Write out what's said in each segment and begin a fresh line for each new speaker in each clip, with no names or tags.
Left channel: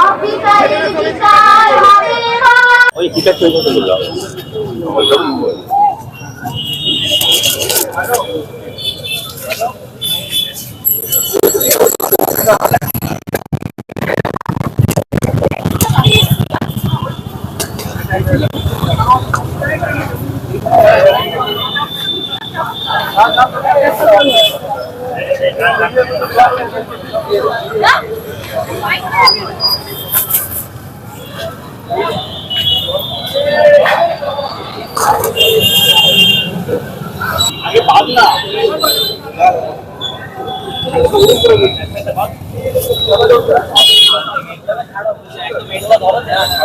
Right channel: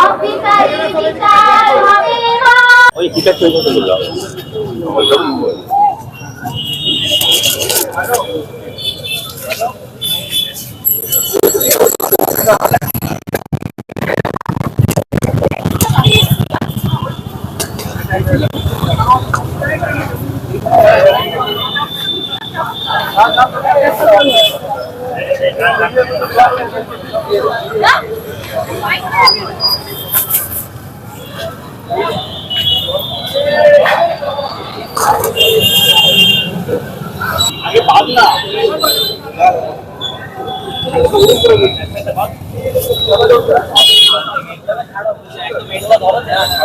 অবিচারী বিচার হবে না
ওই কিতাব তৈরি করতে বললাম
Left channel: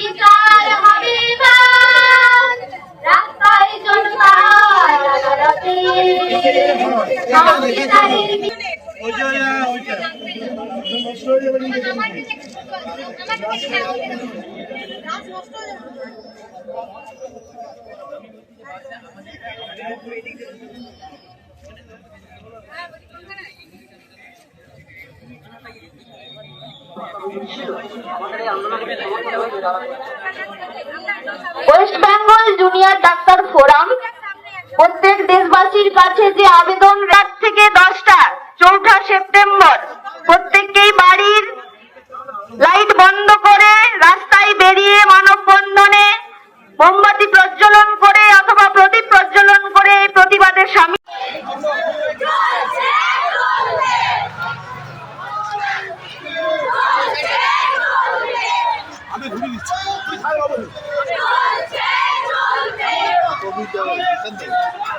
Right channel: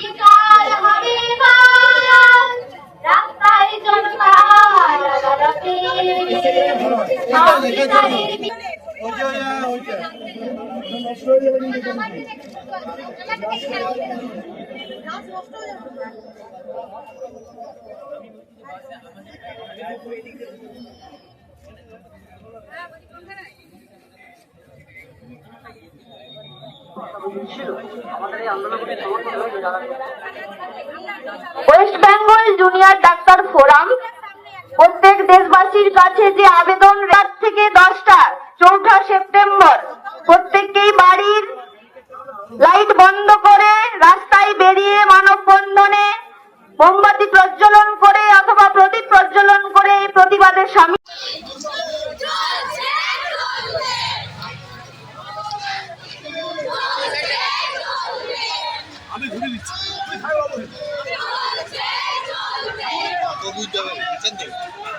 বিচার হবে এবার। রাস্তায় জনতা রাগারাগে সব বিচারের বিচার
West Bengal junior doctor forum প্রত্যেক দেশবাসীর কাছে যে আবেদন রাত থেকে দশটা, চৌঠা সেপ্টেম্বর, প্রত্যেককেই বাড়ির লাইট বন্ধ করে বেরিয়ে মানববন্ধনে মোমবাতি প্রজ্বলন করে অথবা প্রদীপ প্রজ্বলন করে এই প্রতিবাদে সামিল সকলে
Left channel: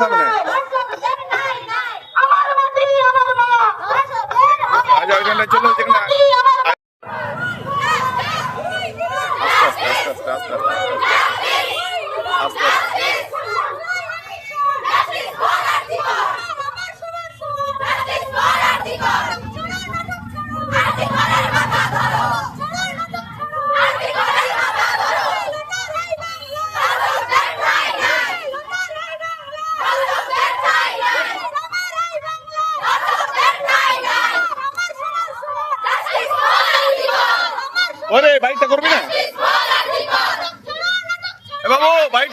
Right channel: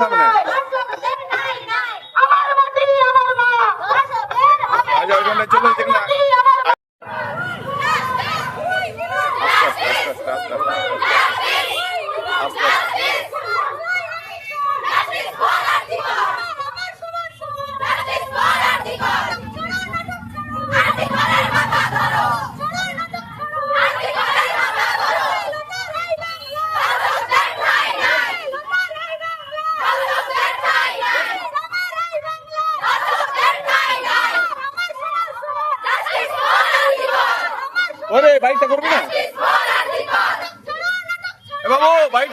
সামনে। আচ্ছা ওইখানে চলে ওরে বাইকটা করবি না এ বাবু বাইক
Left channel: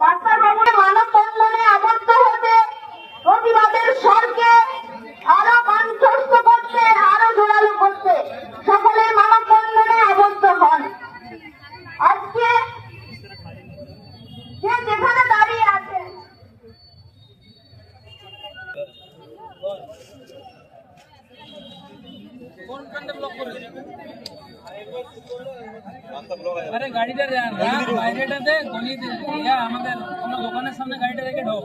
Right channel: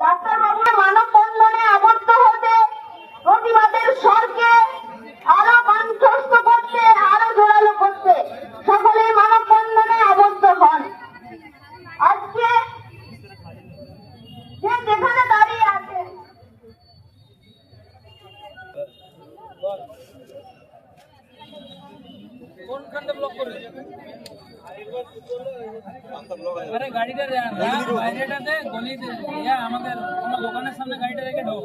ডাক্তারবাবুর মানব বন্ধনে আবদ্ধ হতে প্রতিবাদের স্বরকে আরও কণ্ঠস্থ করতে আরও জোরালো করতে সকলের মানব বন্ধনে আবদ্ধ হন আজকে যে যেখানে দাঁড়িয়ে আছে।
আরে গাড়িটা বাইরেটাতে গলিতে আমাদের কোনো দোকানের সামনে গাড়িটা রেখে ঢোক।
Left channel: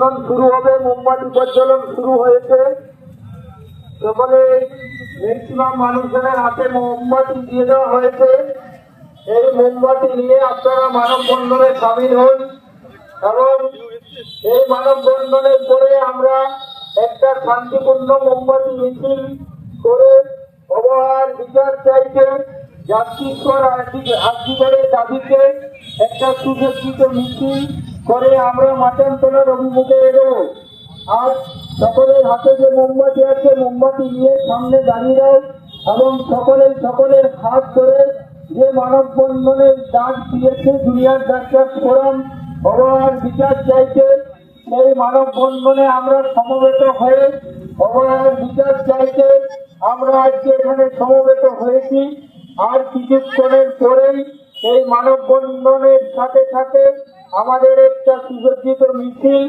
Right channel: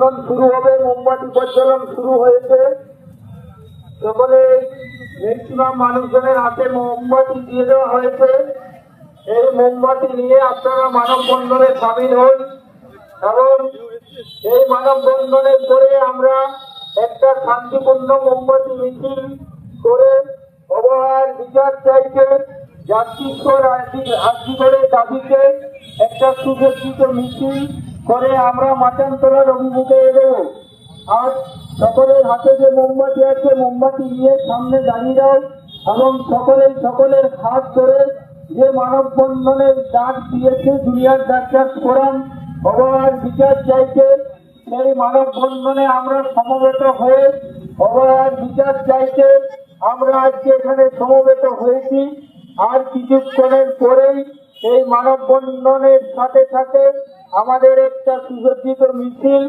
মানববন্ধন শুরু হবে, মোমবাতি প্রজ্বলন শুরু হয়েছে। সকলে ম্যাক্সিমাম মানুষজনের হাতে মোমবাতি দিয়ে দেওয়া হয়েছে। এই মোমবাতি নিয়ে আপনারা মানববন্ধনে সামিল হন। এবং এই মানববন্ধনের পরে আমরা একটা শান্তিপূর্ণ মোমবাতি মিছিল করে অবহার বিচার চাইতে জাতিস্বর আর্থিকের দাবিতে একটা সুযোজিত মিছিল করে আমরা মাতান্তলার অভিমুখে এগোবো। আজ সকলের হাতে যে মোমবাতি আছে, মোমবাতি নিয়ে সামনে দাঁড়িয়ে এবং সকলের সকলের হাত ধরে যে মানববন্ধনের ডাক দিয়েছে জুনিয়র ডাক্তার ফোরাম অবহার বিচার চাইছে, সেই মানববন্ধনে আমরা সমবেত হয়ে অবহার বিচার চাইছে। আমরা আজকে এখানে সমবেত হয়েছি। আর কিছুক্ষণের পরেই এই মানববন্ধনের সাথে সাথে আমাদের একটা সুসজ্জিত মিছিল